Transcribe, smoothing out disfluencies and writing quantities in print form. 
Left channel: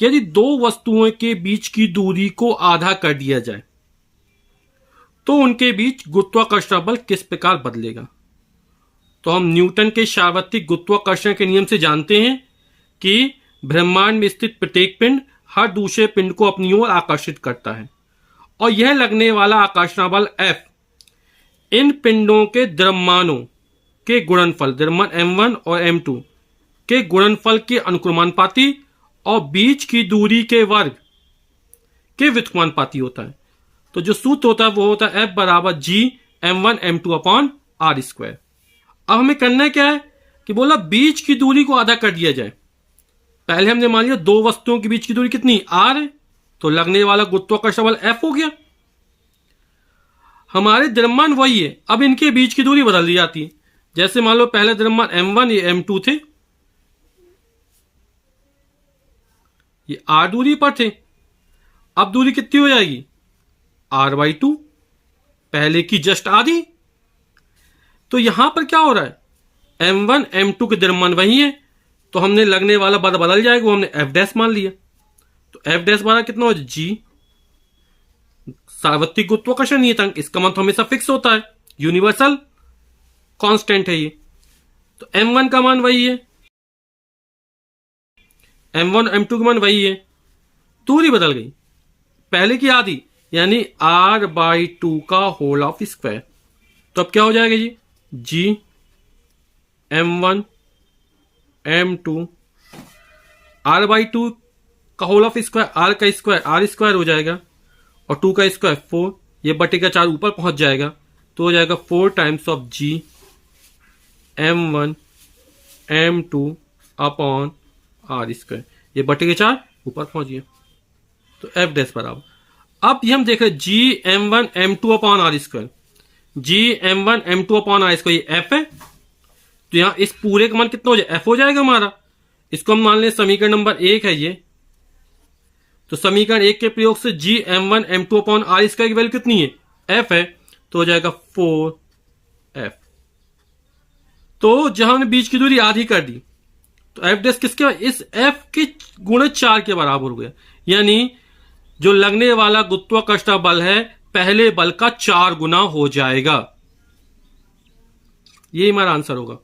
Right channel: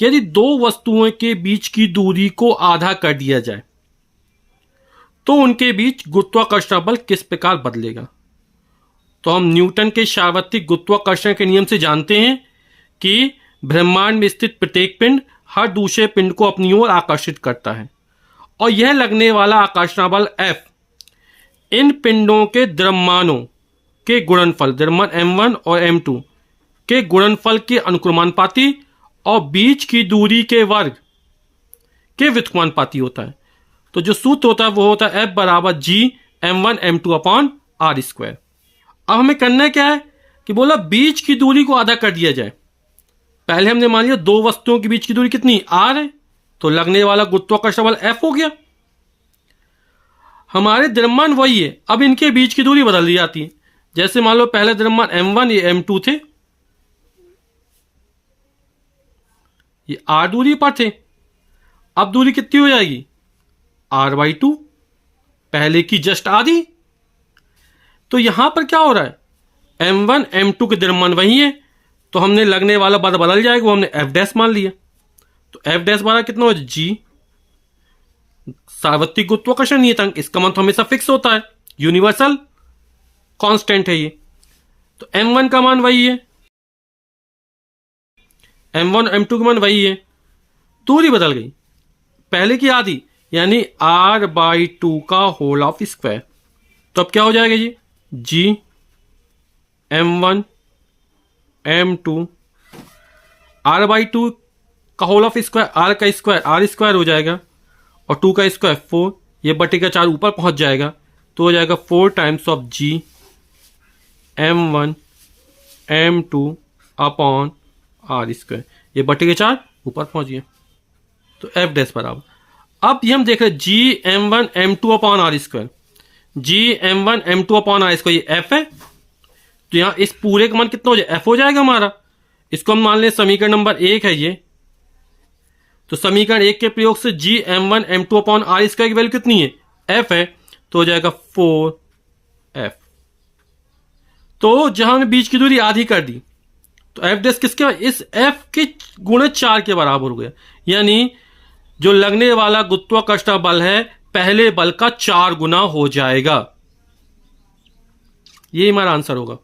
यदि दो वस्तुओं के बीच की दूरी को आधा कर दिया जाए तो उनके बीच गुरुत्वाकर्षण बल किस प्रकार बदलेगा। तो हम न्यूटन के सार्वत्रिक गुरुत्वाकर्षण के नियम से जानते हैं कि ब्रह्मांड में स्थित प्रत्येक पिंड हर दूसरे पिंड को अपनी ओर आकर्षित करता है और यह लगने वाला आकर्षण बल F इन पिंडों के द्रव्यमानों के गुणनफल द्रव्यमान m1 और m2 के गुणनफल के अनुक्रमानुपाती और बीच की दूरी के वर्ग के व्युत्क्रमानुपाती होता है। तो जो सूत्र होता है वो होता है F बराबर G m1 m2 upon r square. अब हमें करना क्या है कि बोला बीच की दूरी को आधा कर दिया जाए। पहले हमने मान लिया दो वस्तुओं के बीच की दूरी कितनी r है, तो लगने वाला गुरुत्वाकर्षण बल F हो गया। हमारे द्रव्यमान वही है, अब इनके बीच की दूरी बदल दी जाती है। जैसे मान लो पहले द्रव्यमान m1 ये m2 थे, ये r दूरी पर थे, अब दूरी कितनी हो जाएगी r/2, पहले की जस्ट आधी। तो यहां पर क्या हो रहा है m1 m2 के द्रव्यमान वही है, तो हमने लगने वाला बल बदल जाएगा, वो हमने f डैश मान लिया। तो f डैश बराबर कितना हो G सार्वत्रिक गुरुत्वाकर्षण नियतांक, इसका मान तो हमेशा फिक्स होता है, यूनिवर्सल कांस्टेंट है ये। तो m1 का मान वही है, m1 m2 का मान वही है, दूरी बदल गई, पहले की आधी यानी r/2 का होल ऑफ स्क्वायर। तो अब क्या हो जाएगा ये G m1 m2 r/2 का होल ऑफ स्क्वायर, r का स्क्वायर r स्क्वायर हो जाएगा और 2 का स्क्वायर 4, ये बटे का 4 ऊपर पहुंच जाएगा, तो हो जाएगा 4 times of G m1 m2 upon r square, ये बटे के 4 ऊपर पहुंच गया। तो f डैश बराबर, अब ये हम देख रहे G m1 m2 upon r square, G m1 m2 upon r square ये f है, तो यहां इस पूरे का मान कितना हो जाए f हो जाएगा हमारा। इसको हम मान लें समीकरण नंबर 1 है ये, तो समीकरण 1 के प्रयोग से G m1 m2 upon r square की वैल्यू कितनी है f है, तो हो जाएगा 4f। तो जहां हमने बीच की दूरी आधी कर दी तो f डैश किसके इस f के गुणे 4 के बराबर हो गया, यानी जो लगने वाला गुरुत्वाकर्षण बल है पहले बल का 4 गुना हो जाएगा। ये हमारा आंसर होगा।